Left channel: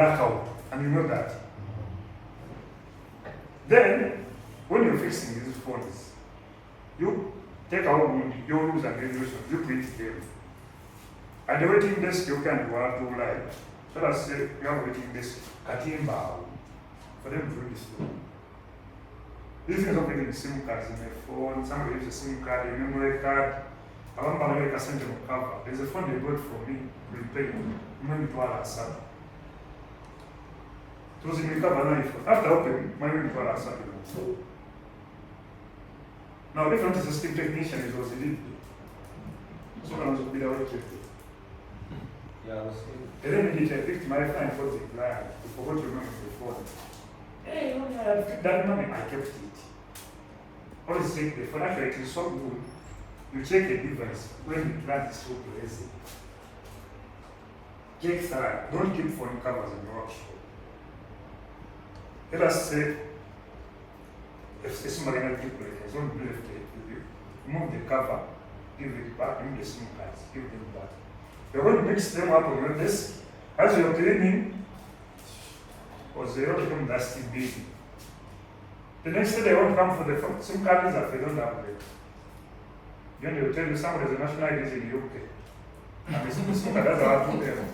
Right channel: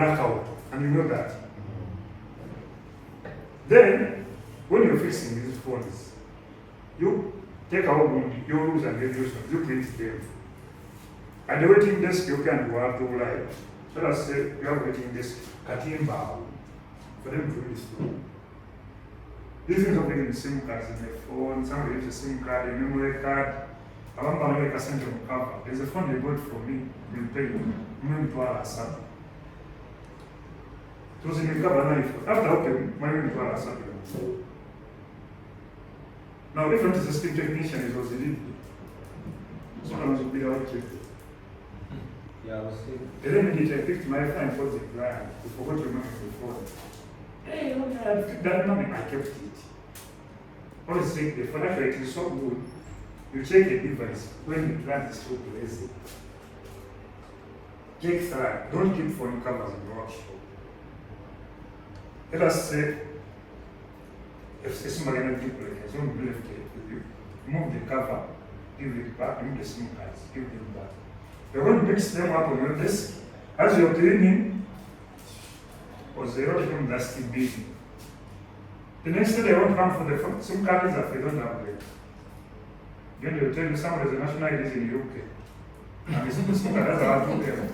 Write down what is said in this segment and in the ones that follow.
blackout, and you know that. Then, when you're fixing these phones, you take out your rules and regulations, you print them. At the waiting desk, you can go out to like, let us say you have a waiting desk, Katimba, for them to use it. These things of getting the SIM cards in their phone, somebody uses a SIM card, a memory card. I don't know where I send them on cover. There's a phone they bought for me, we pay $1,000,000. It was in the cover, after okay, $1,000,000. Now, if I'm a system technician, it was illegal. So I was be able to. Yeah, then I picked my phone for the client. I forgot to remember the phone. Hey, you know, I picked that money, I kept it. Always take the phone, actually, it is so good. You take a device when the plant is so lazy. Take time, don't keep phone covers in the workshop. Let us say, if somebody has people, it's not believed you move the cover, give it back, move the SIM cards, give it back. You're going to mix them up on your desk as you're cleaning, or they don't even dusty busy. The next day they won't come for the SIM cards that they don't upgrade. Then they will tell you somebody is a national ID in the UK. And the SIM card that's our problem.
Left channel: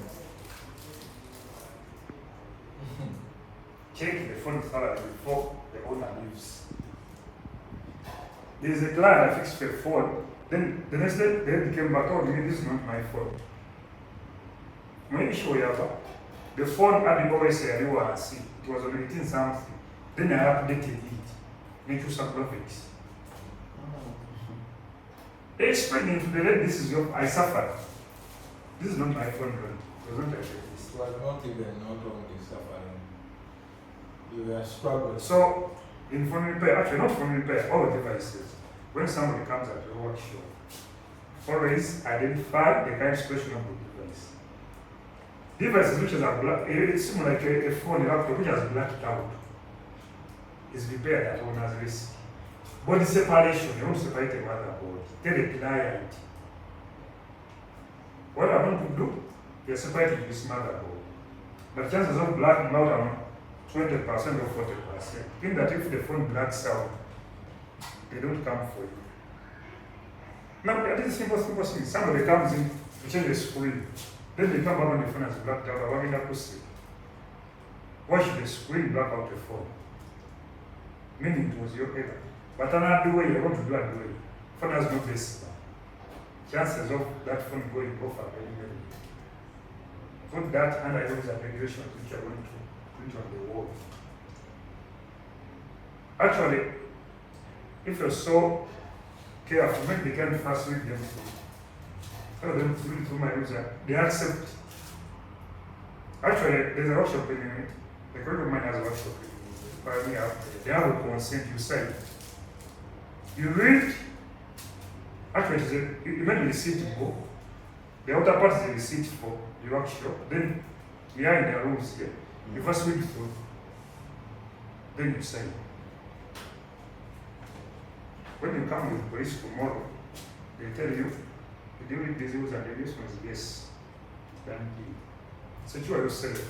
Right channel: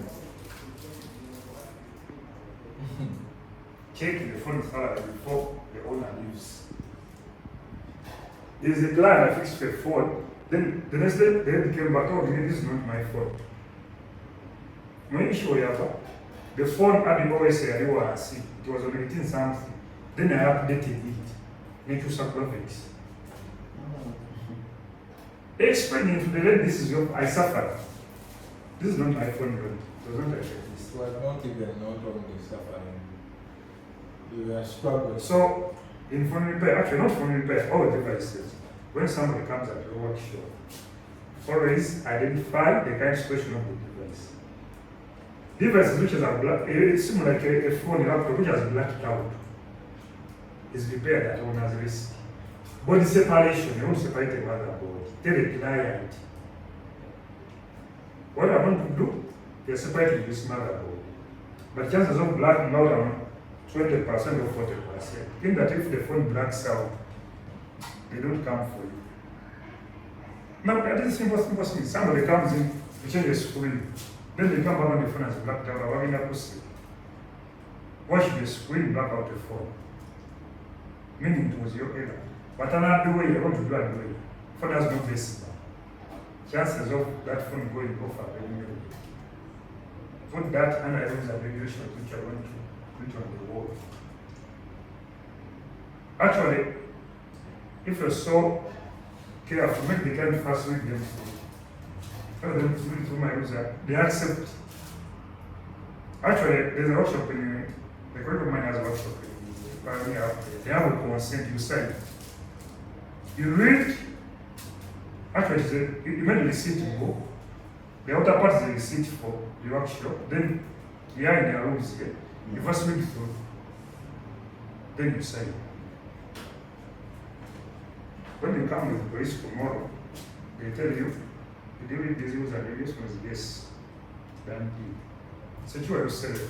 Check the phone salary before the owner leaves. There is a client that fixed the phone. Then the next day they came back, oh, this is not my fault. When you show you the phone had always a reward, it was on 18 something. Then I updated it into some profits. Explaining to the lady, this is your, I suffered. This is not my phone, it was not like this. Well, not even not only suffering. You are struggling. So, in phone repair, actually not phone repair, all devices, when somebody comes at your workshop, always identify the kind of special of the device. Devices which are black, it seems like a phone laptop which has blacked out is repaired at owner's risk. Body separation, you don't separate the motherboard, tell the client. What I want to do, you're separating this motherboard. But chances of blacking out are 20% or 40%. Think that if the phone blacks out, they don't come for you. Now, that is simple thing. Somebody comes in to change the screen. Then they come back when the phone has blacked out. What can I proceed? Wash the screen, black out the phone. Meaning it was your error. But another way, you want to do another way. Phone has no base. Chances of that phone going off are very low. Put that under items of regulation which are going to put on the wall. Actually, if you're so careful, make the time fast with them. Tell them to read through my user. They accept. Actually, there's a workshop in it. The colleague of mine has a workshop in it. They have a consent, you say. You read. Actually, you made a receipt book. The outer part is the receipt for the workshop. Then you are in their rooms here. You first read through. Then you sign. When you come with police tomorrow, they tell you, did you read these rules and regulations? Yes. Thank you. Secure yourself.